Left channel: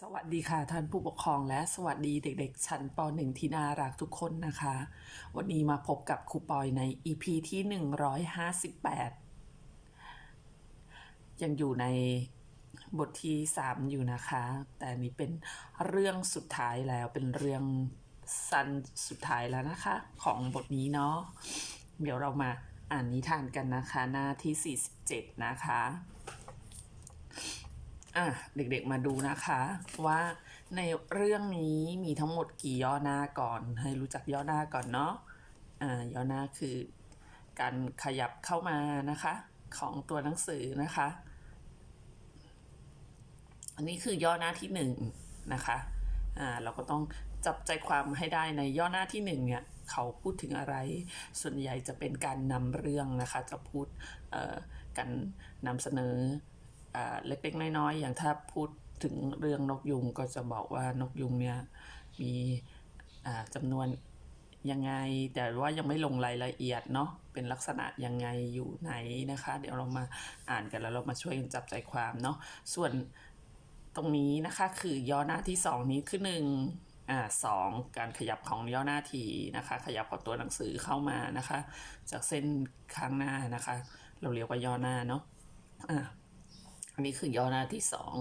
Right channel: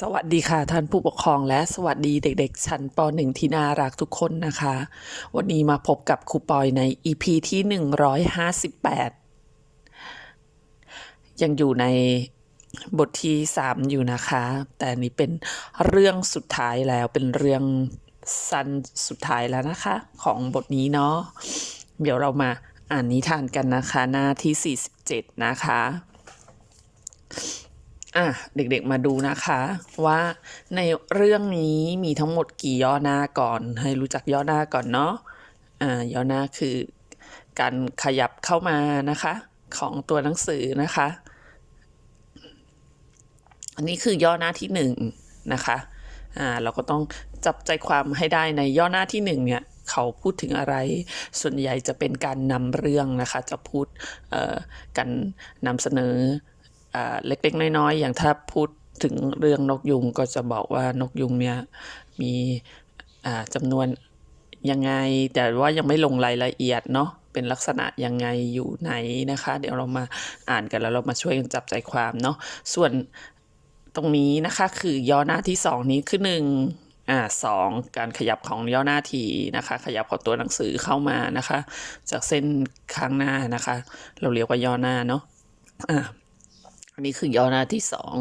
สวัสดีค่ะท่านผู้ปกครองและสวัสดีเด็กๆ ชั้นป .1 ที่น่ารักทุกคนนะคะ วันนี้มาพบกับครูปอยใน EP ที่ 158 ยังอยู่ในบทที่ 3 อยู่นะคะ แต่นนี้เป็นเรื่องสุดท้ายแล้วเป็นเรื่องสั้นสุดท้ายแล้วนะคะ ของบทนี้เนาะเดี๋ยวเรามาอ่านนิทานกันนะคะ หน้าที่ 47 นะคะ อะเด็กๆมาดูนะคะว่าในเรื่องนี้มีทั้งหมดกี่ย่อหน้าก่อน ให้รู้จักย่อหน้าก่อนเนาะอ่าย่อหน้าคือ การขยับเข้ามานะคะ ของตัวหนังสือนะคะ อันนี้คือย่อหน้าที่หนึ่งนะคะอ่าเราก็ต้องจับใจความให้ได้ในย่อหน้าที่หนึ่งเนี่ยเขาพูดถึงอะไร ส่วนใหญ่จะเป็นการนำเรื่องนะคะ จะพูดเอ่อการนำเสนอ เล็กๆ น้อยๆ อย่างถ้าพูดถึงเรื่องนกยุงก็จะบอกว่านกยุงเนี่ยมีจำนวนยังไง แต่ว่ายังไม่ลงรายละเอียดเนาะเป็นลักษณะยังไงอยู่ไหนนะคะ เดี๋ยวเรามาอ่านกันแล้วเรามาช่วยกันจับใจความเนาะส่วนตรงนี้นะคะคือย่อหน้าที่สองนี้คือหนึ่งอ่าสองการขยับของย่อหน้าทีนะคะ ขยับของตัวหนังสือเข้ามานะคะ จากเส้นข้างหน้านะคะ เราเรียกว่าย่อหน้าเนาะอ่า อันนี้คือย่อหน้าที่สอง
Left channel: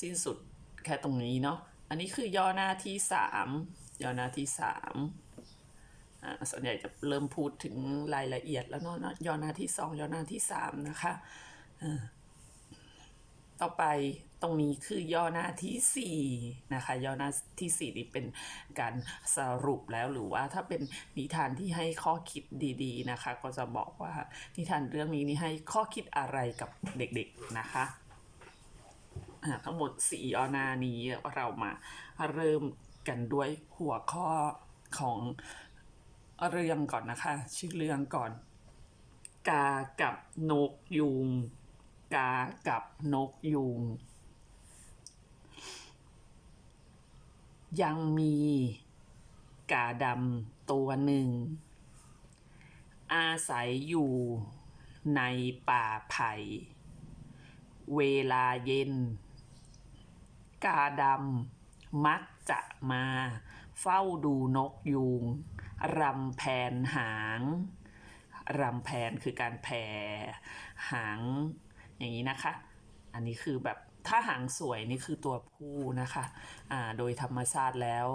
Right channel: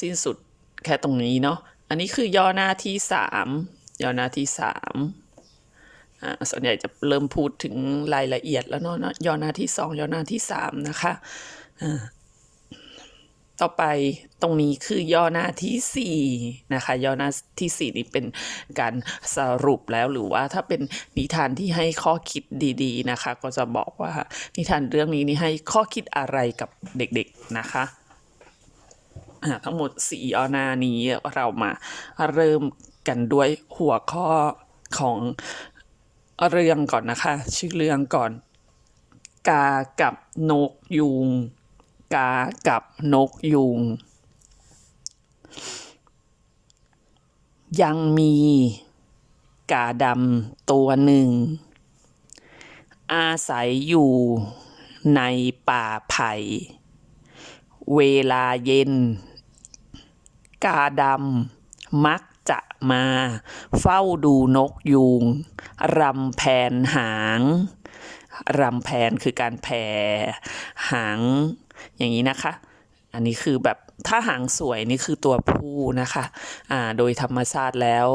สิ้นสุดแค่ตรงนี้เนาะอันนี้คือย่อหน้าที่สามย่อหน้าที่สามอ่าส่วนใหญ่จะเริ่มพูดถึงรายละเอียดแล้วเนาะเนาะย่อหน้าที่สองย่อหน้าที่สามนะคะอ่าต่อไปตรงนี้คือย่อหน้าที่สี่นะคะย่อหน้าที่สี่นี่เป็นการสรุปแล้วหรือว่าถ้าเป็นนิทานที่ให้ข้อคิดดีๆนะคะ ก็จะบอกว่านิทานเรื่องนี้นี่ให้ข้อคิดอะไรกับเด็กๆนะคะ ทั้งหมดสี่อหน้านี้เรามาเริ่มกันด้วยหัวข้อของเรื่องก่อนนะคะ ชื่อเรื่องก่อน กากับนกยุง กากับนกยุง ยังมี กาดำตัวหนึ่ง อาศัยอยู่ในป่าไผ่เวลาเย็น กาดำมักจะมาเฝ้าดูนกยูงรำแผนหางรำแผนคือการแผ่หางอย่างนี้นะคะ อันนี้คือแบบถ้าหางสวยนี่คือตัวผู้นะคะอ่าโดยธรรมชาติแล้ว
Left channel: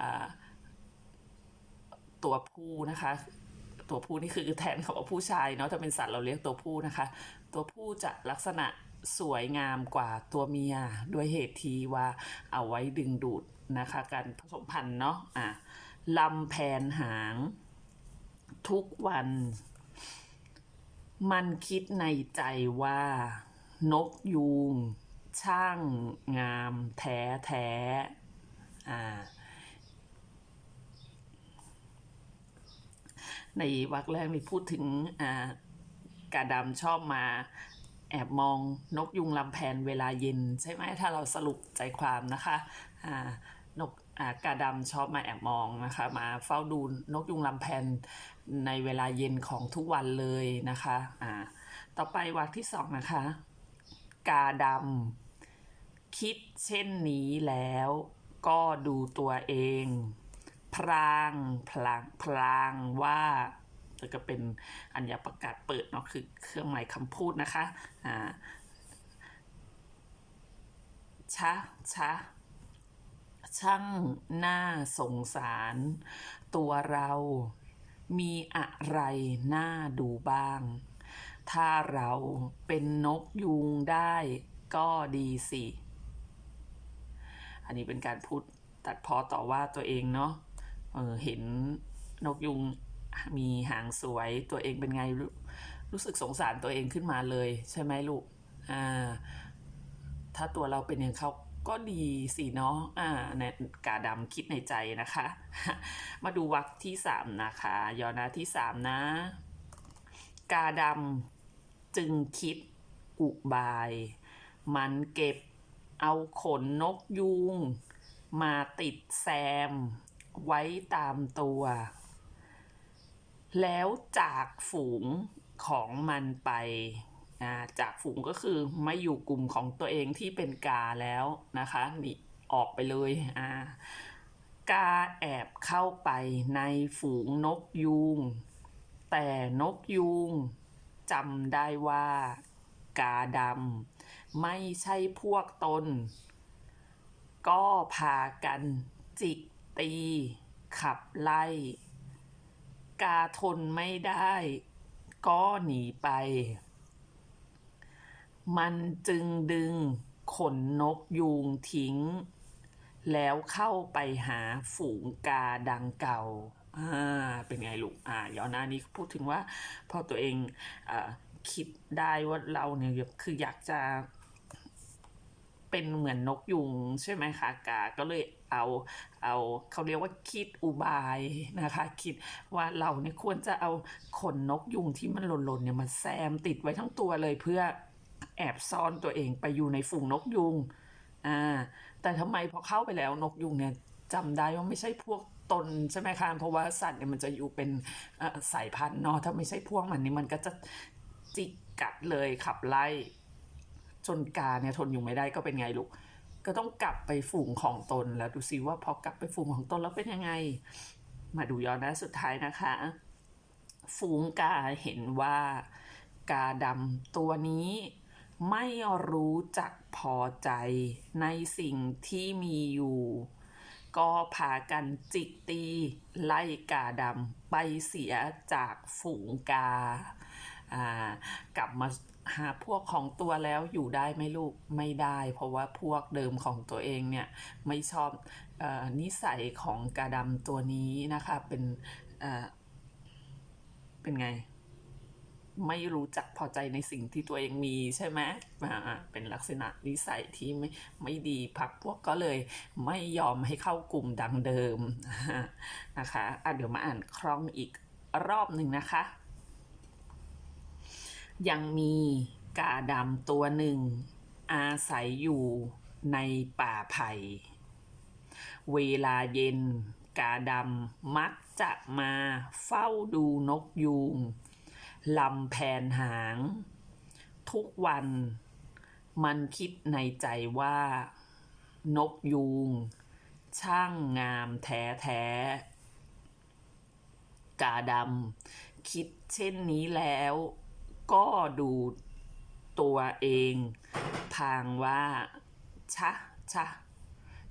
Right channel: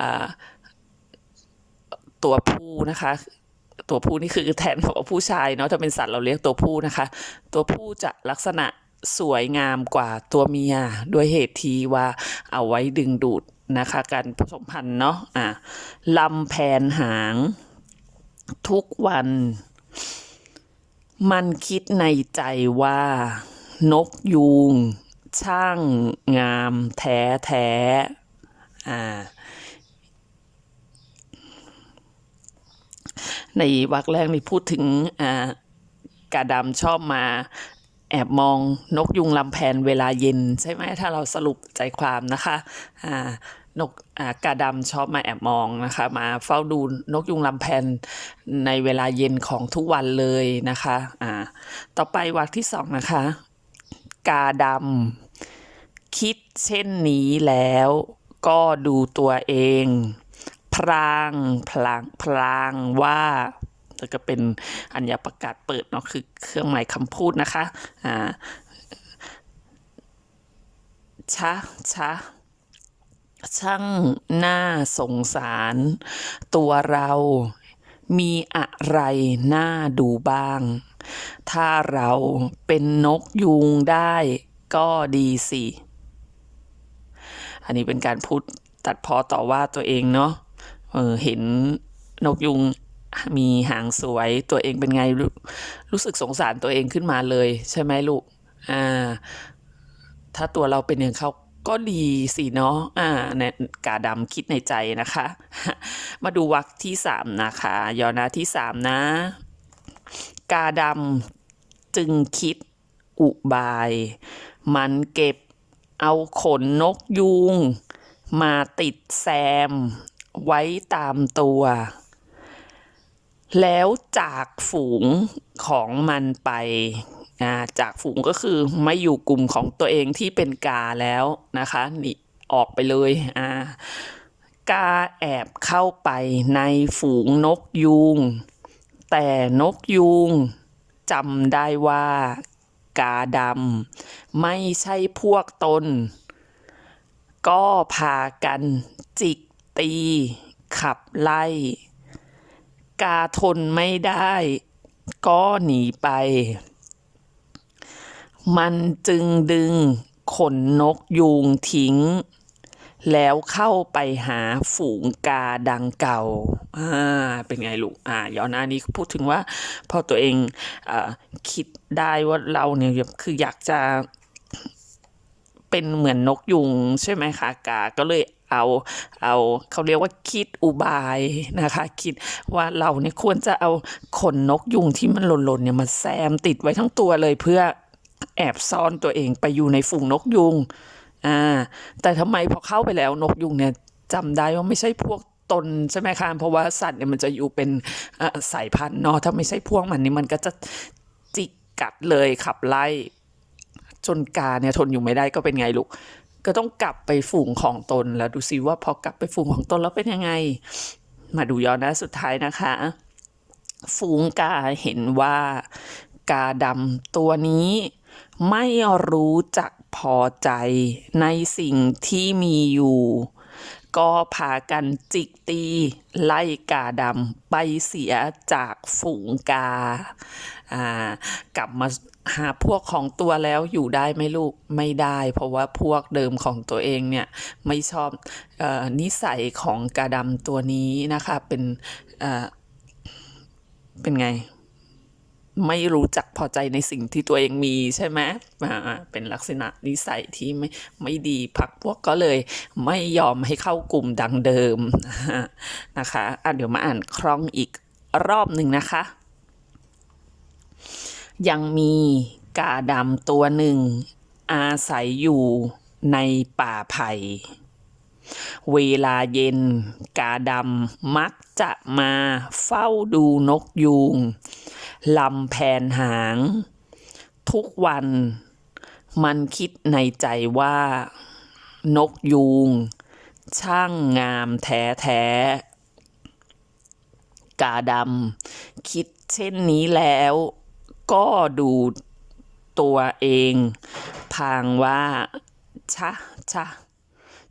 อ่าตัวผู้นะคะตัวผู้นี่คือแทนของผู้ชายเนาะถ้าเป็นสัตว์เราเรียกตัวผู้นะคะ ตัวผู้จะลักษณะ สวยงามกว่าตัวเมียด้วยเหตุที่ว่าเอาไว้ดึงดูดนะคะการผสมพันธุ์เนาะอะลำแผนหาง ทุกวัน มันคิดในใจว่า นกยูง ช่างงามแท้แท้อ่าในวรรคแรกนี่พูดถึงอ่ากาดำชอบมา แอบมองนกยุงลำแพนเวลาเย็น ใช่ไหมถ้าเราสรุปใจความนะคะอ่านกอ่ากาดำชอบมาแอบมองนะคะ มาเฝ้าดูนกยุงลำแพนในเวลาเย็นของทุกวันเลยนะคะอ่าต่อไปวรรคที่สองนะคะ กาดำคิดเช่นนี้แล้วก็ดูตัวเอง พรางพลางพลางว่า แล้วก็เป็นอัญญประกาศเปิดเนาะคือเครื่องหมายคำพูดนะคะอ่าชะชะช่างน่าสงสาร ตัวเรามีอะไรน่าดูบ้าง ถ้าเราเป็นนกยูงได้ก็ดีสิ อันนี้เป็นการพูดตัดพอต่อว่าตัวเองเนาะเออเห็นนกยุง มีหางสวยตัวเองเป็นไงรู้รู้สึกสงสารตัวเองขึ้นมาเลย ใช่ไหมลูกอ่าถ้าตัวเราเป็นอย่างเขาก็ดีสิเนาะอ่าเนี่ยกาดำคิดในใจนะคะ มาดูวรรคที่สามนะคะยอหนาที่สามนะ กาดำจึงคิดอุบาย มันเก็บเอาขนนกยูง มาติดแซม ไว้ตามตัว แล้วจากฝูงของมันไปจากฝูงก็คือไม่อยู่กลุ่มของตัวเองที่เป็นกาแล้วนะคะนี่ออกไปเลยอ่ากาแอบเข้าไปในฝูงนกยูง แต่นกยูงจำได้ว่ากาดำไม่ใช่พวกตน ก็พากันจิกตีขับไล่ กาทนไม่ได้ ก็หนีไป มันจึงดึงขนนกยูงทิ้ง แล้วเข้าไปหาฝูงกาดังเก่าอ่าเป็นไงลูกอ่าย้อนหน้านี้พูดถึงว่าพอตัวเองอคิดได้ว่าเราเนี่ยคืออยากจะ เป็นเหมือนนกยุงใช่ไหมคะกาก็เลยเอาเอาเขาเรียกว่าคิดอุบายนะคะ คิดว่าเราเนี่ยควรจะเอาขนนกยุงที่มันหล่นๆเนี่ยมาแซมติดไว้ทั้งตัวเลยเพื่อแอบซ่อนตัวเองไปอยู่ในฝูงนกยุงอ่าแต่ทำไมพอเข้าไปแล้วนกยุงเนี่ยจำได้ว่าไม่ใช่พวกตนใช่ไหมคะเพราะว่าสัตว์เนี่ยมันจะอยู่เป็นสายพันธุ์เนาะถ้าไม่ใช่พวกมันนี่มันก็จะจิกกัดเลยขับไล่ จนกาเนี่ยทนอยู่ไม่ได้ก็เป็นไงลูก ก็ต้องกลับไปฝูงของตนแล้วดูซิว่าพอกลับไปฝูงของตนแล้วเป็นยังไง มาดูย้อนหน้าสุดท้ายนะคะ ฝูงกาเห็นว่ากาดำตัวนี้ไม่รู้จักพอใจในสิ่งที่มีอยู่ ก็พากันจิกตี ไล่กาดำไปเสียจากฝูงกา อ่ากลับมา หาพวกของตัวแล้วอยู่ได้ไหมลูกไม่ได้ เพราะว่าพวกเดิมของตัวเองเนี่ยไม่ชอบออนิสัยของกาดำตัวนี้นะคะเป็นเเป็นไง ไม่รู้จักพอใจในสิ่งที่ตัวเองมีใช่ไหมเป็นลักษณะนิสัยที่ไม่ไม่ดีพักพวกก็เลยไม่ยอมให้เข้ากลุ่มดังเดิมนะคะะเดี๋ยวมาอ่านคล่องอีกรอบหนึ่งนะคะ ยังมีกาดำตัวหนึ่ง อาศัยอยู่ในป่าไผ่ เวลาเย็น กาดำมักจะมาเฝ้าดูนกยูงลำแผนหาง ทุกวันมันคิดในใจว่า นกยูง ช่างงามแท้แท้กาดำคิดเช่นนี้แล้ว ก็ดูตัวเองพางว่าชะชะ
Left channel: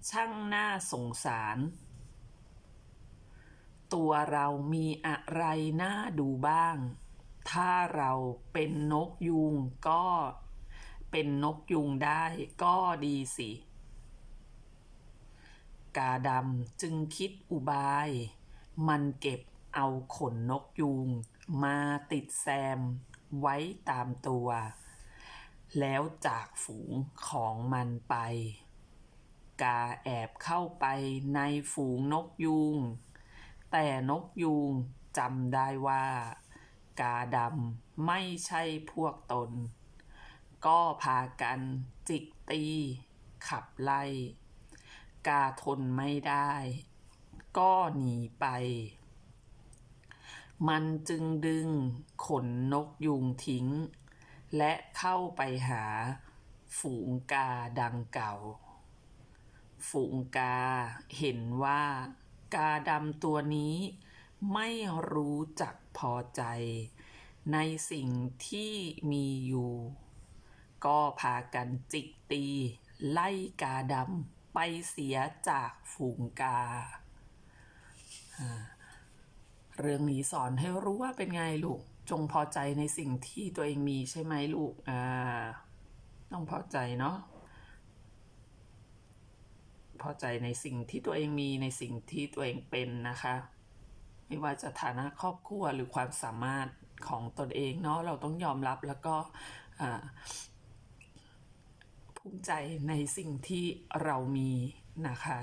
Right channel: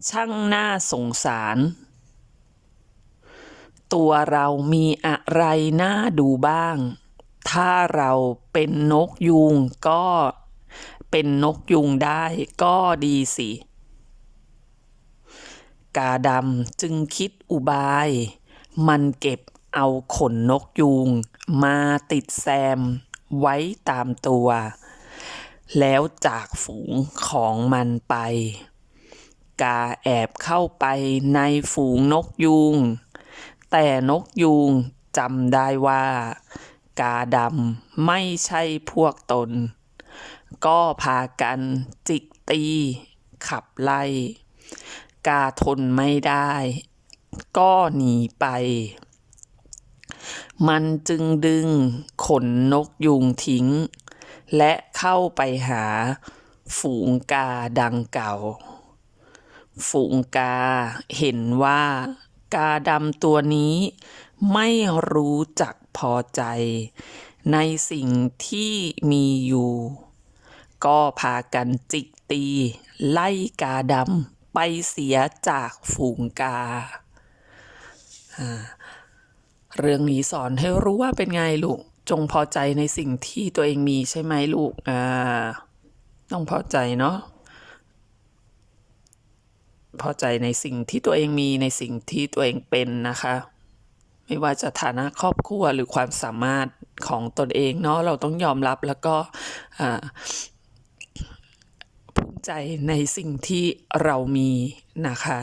ช่างน่าสงสาร ตัวเรามีอะไรน่าดูบ้าง ถ้าเราเป็นนกยุงก็เป็นนกยุงได้ก็ดีสิ กาดำจึงคิดอุบาย มันเก็บเอาขนนกยูงมาติดแซม ไว้ตามตัว แล้วจากฝูงของมันไป กาแอบเข้าไปในฝูงนกยูง แต่นกยูงจำได้ว่า กาดำไม่ใช่พวกตน ก็พากันจิกตี ขับไล่ กาทนไม่ได้ ก็หนีไป มันจึงดึงขนนกยุงทิ้ง และเข้าไปหาฝูงกาดังเก่า ฝูงกาเห็นว่ากาดำตัวนี้ไม่รู้จักพอใจ ในสิ่งที่มีอยู่ ก็พากันจิกตี ไล่กาดำไปเสียจากฝูงกา เรื่องนี้สอนให้รู้ว่าเป็นไงลูก จงพอใจในสิ่งที่ตัวเองมีใช่ไหมลูก อ่า ต้องพอใจเนาะ พอใจในสิ่งที่ตัวเองมีในสิ่งที่ตัวเองเป็นนะคะ ไม่ว่าจะฐานะครอบครัวหรือความสามารถของตนเองเนาะ เราต้องยอมรับแล้วก็ภูมิใจในสิ่งที่เรามีนะคะ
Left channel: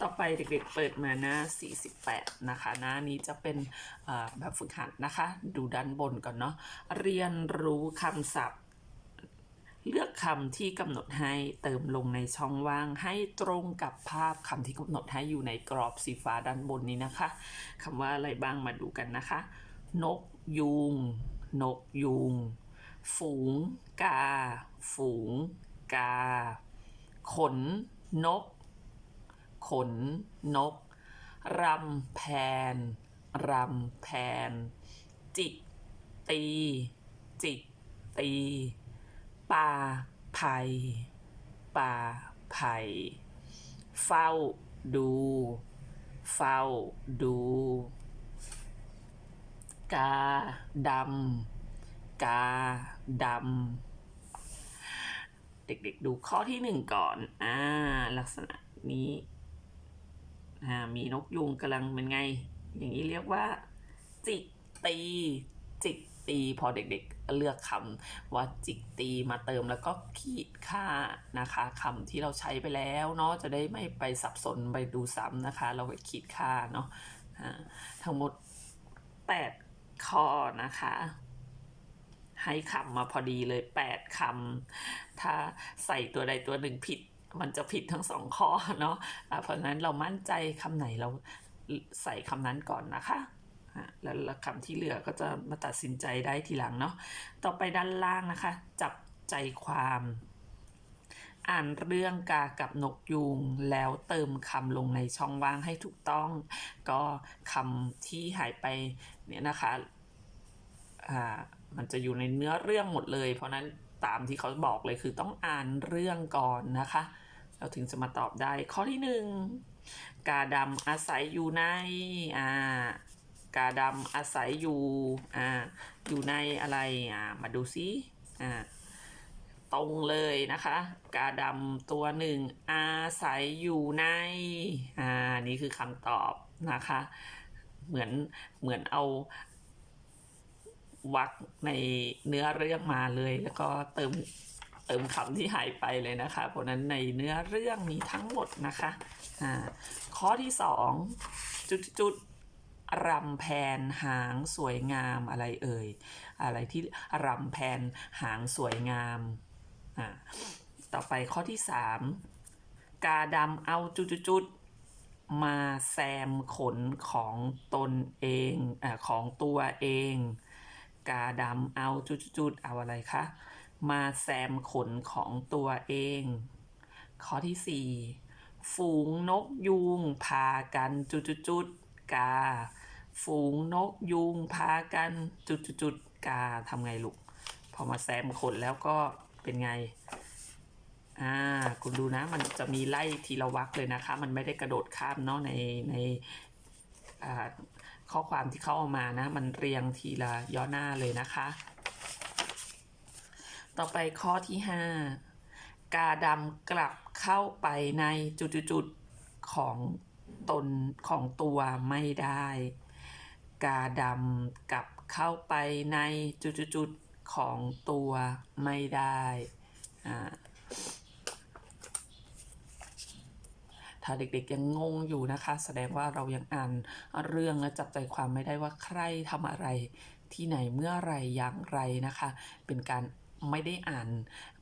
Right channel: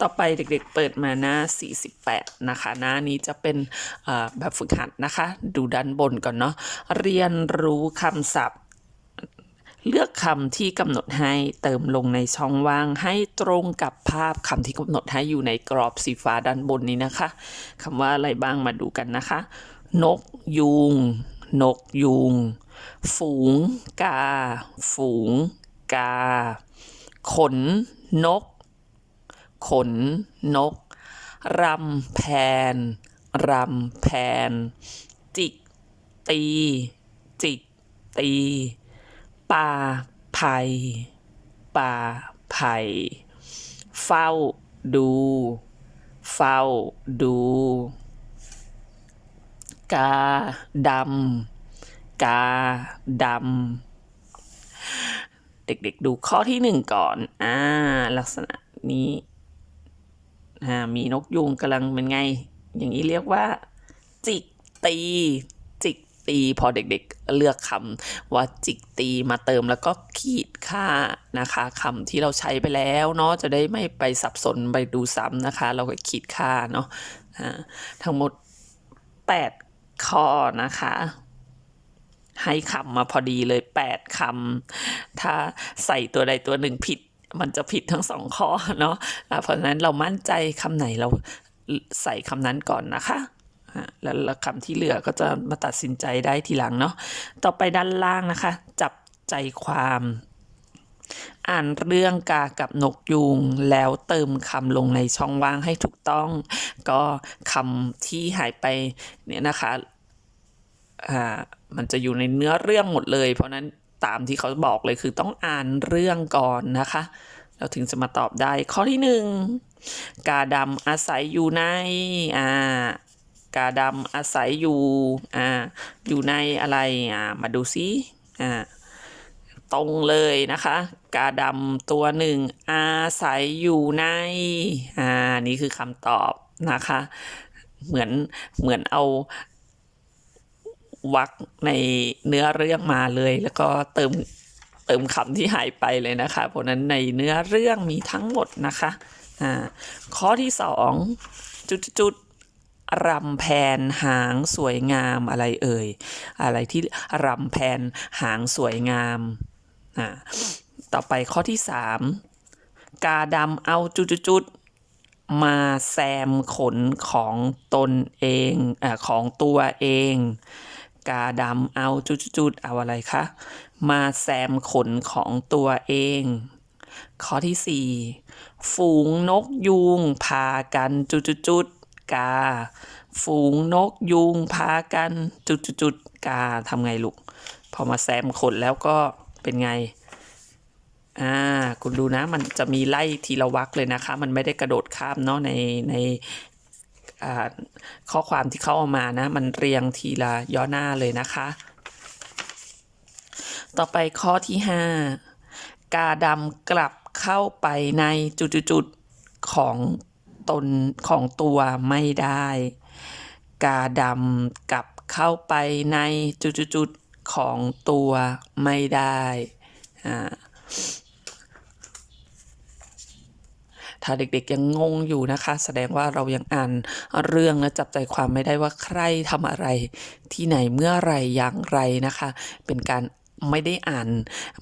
ต่อไปเด็กๆเปิดมาหน้า 48 นะคะ หน้านี้จะเป็นแบบฝึกหัดนะคะ ดูด้านบนก่อนเนาะเรียนรู้คำศัพท์ เลือกคำที่กำหนดให้เติมลงในช่องว่างให้ตรงกับภาพคำที่กำหนดให้อยู่ในกรอบสีฟ้าด้านบนนี้นะคะคำว่าอะไรบ้างมาดูกันนะคะ นกยูงนกยูงฝูง กา ฝูง กา ขน นก ขนนก รำแพน รำแพน จิก ตี จิก ตีป่าไผ่ป่าไผ่เฝ้าดู เฝ้าดู กาดำกาดำเด็กๆดูข้อที่หนึ่งก่อน อ่า ลักษณะนี้ มีนกยูงกำลังเป็นไง อย่างนี้เรียกว่า จิกตี จิกตีพอเด็กๆเลือกคำว่าจิกตีมาเติมแล้วก็ขีดค่านะคะคำที่เราใช้ไปแล้วเนาะจะได้ไม่ไปสับสนไปดูซ้ำนะคะ เราก็ขีดค่าเนาะทั้งหมด 8 ข้อนะคะ ให้คำมาพอดีเลย 8คำถ้าใส่ตัวใดตัวหนึ่งผิด มันจะผิดทั้งสองข้อเนาะะเพราะฉะนั้นเรามั่นใจคำไหนเราใส่คำนั้นก่อนนะคะแล้วคำที่เหลือก็จะมาตัดสินใจได้ทีหลังเนาะต่อไปด้านล่างนะคะ จับใจความ อ่านเรื่องกากับนกยูงแล้วเติมคำลงในช่องว่างให้ถูกต้อง ก็คำที่หายไปเนี่ยนะคะอ่ามันจะอยู่ในเนื้อเรื่องหมดเลย เพราะนั้นตามที่เขาบอกเลยคือต้องอ่านเรื่องก่อนนะคะ เราถึงจะมาตอบได้ข้อที่หนึ่งกาดำอาศัยอยู่ในอ่ากาดำอาศัยอยู่อ่าอยู่ในอะไรอ่ามาดูซิอ่าตรงเลยนะคะ กาดำตัวหนึ่งอาศัยอยู่ในอ่านี่คือคำตอบนะคะ เหมือนเหมือนเอาวักในเนื้อเรื่องมาเลยแล้วก็เติม เติมคำที่หายไปเลยนะคะ เพราะนั้นในเนื้อเรื่องมีทั้งหมดนะคะอ่าข้อที่สองจุดๆรำแพนหางสวยงามอะไรเอ่ย อะไรที่รำแพนหางสวยงามอ่าต่อไปข้อที่สามกาดำเอาจุดๆๆมาแซมขนของตนเองอ่าของตัวเอง กาดำเอาจุดๆเอาอะไรคะ มาแซมขนของตัวเอง ข้อที่สี่ฝูงนกยูงพากันจุดๆกา ฝูงนกยูงพากันจุดๆกาทำไงลูก พอมาแซมขนแล้วก็เป็นไงอ่าคุณดูนะมันจะมีไล่ทีละวรรคเลยนะคะ มันไม่ได้กระโดดข้ามเนาะในใน ข้อความที่เขาเอามานะ มันเรียงทีละย่อหน้าเลยนะคะ ต่อไปข้อที่ห้ากาดำกลับเข้าไปในจุดๆของตนของตัวไม่ได้ กาดำกลับเข้าไปในจุดๆของตัวไม่ได้อ่า ถ้าเด็กๆยังงงอยู่นะคะ แสดงว่าเรายังอ่านเรื่องและจับใจความไม่ได้ว่าใครทำอะไร ที่ไหนเมื่อไรอย่างไรนะคะ เป็นการไม่ได้อ่าน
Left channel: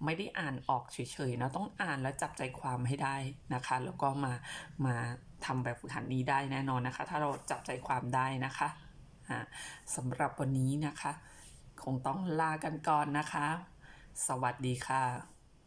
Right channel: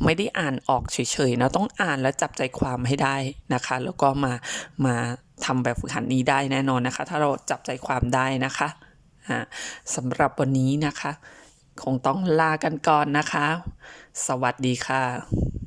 ไม่ได้อ่านออกเฉยๆนะต้องอ่านและจับใจความให้ได้นะคะ แล้วก็มามาทำแบบฝึกหัดนี้ได้แน่นอนนะคะ ถ้าเราจับใจความได้นะคะสำหรับวันนี้นะคะ คงต้องลากันก่อนนะคะ สวัสดีค่ะ